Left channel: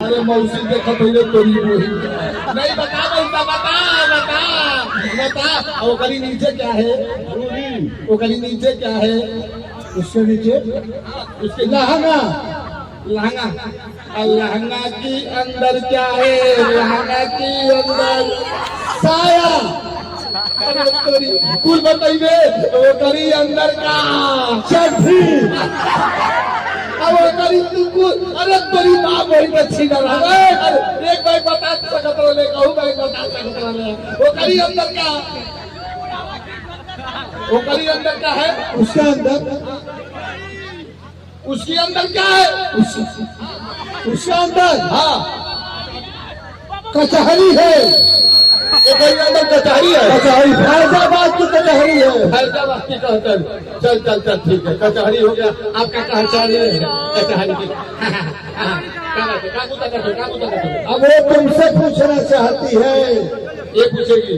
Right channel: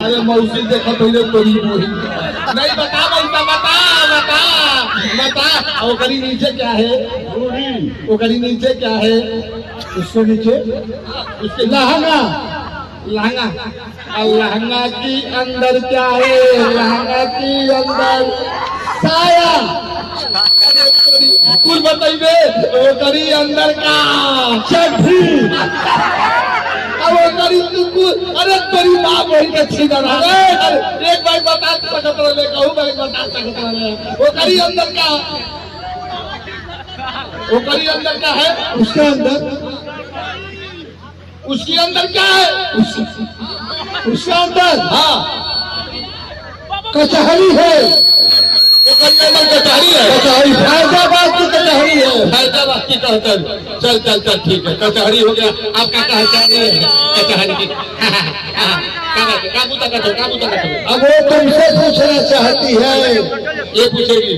अरे मौसी देखो पहले तोरी बोही नहीं बता मौसा बता वो करी नीचे क्या है वो करी नीचे क्या है उसके नीचे उसके लहंगा और लहंगा की अंदर क्या है लहंगा की अंदर साया कुछ बताइए वो करी अंदर का चड्ढी अरे तेरी माँ बड़ी अच्छी तरह एक बार बता सकता रहे कहूँ भाई बता सकता रहे वो करी अंदर क्या वो करी अंदर क्या है उसके अंदर उसके अंदर क्या है उसके अंदर हाँ कचहरी है कचहरी है कचहरी फैजाबाद की कचहरी है फैजाबाद की कहकर चल ठीक है कचहरी हो गया आपका पहचान नहीं है कचहरी की काबू तक अब वो तुमसे पूछना चाहती है ये पूछेगी